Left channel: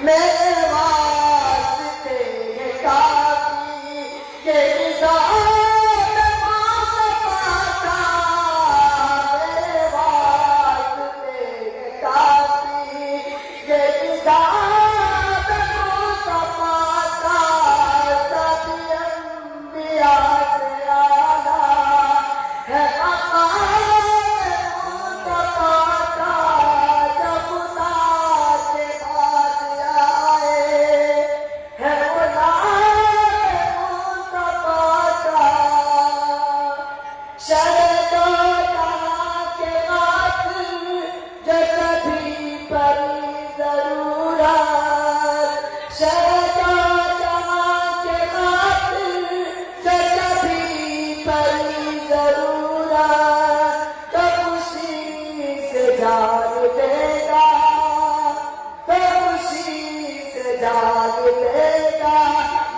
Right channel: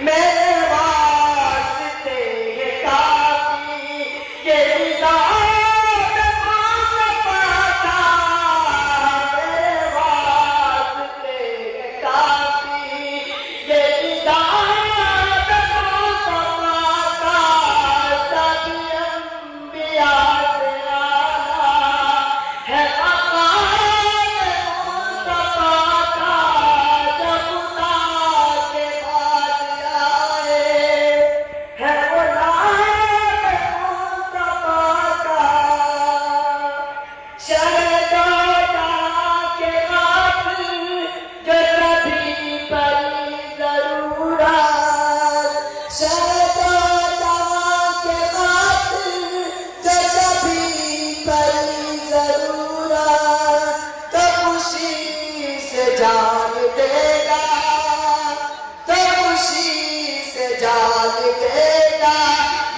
मेरे वास्ते ये काफी, ये निजात मांग पाता। मेरे वास्ते ये काफी, ये निजात मांग पाता। सभी अंबिया से आला है जान देगा, तो खुशी से जान देगा।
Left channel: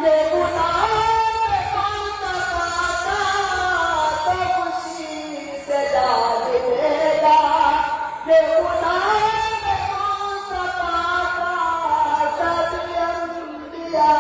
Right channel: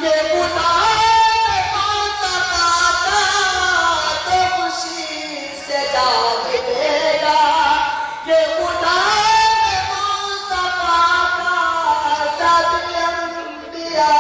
ये खुदा मांगता पाता, तो खुशी से जान देगा। ये खुदा मांगता पाता, सब अंबिया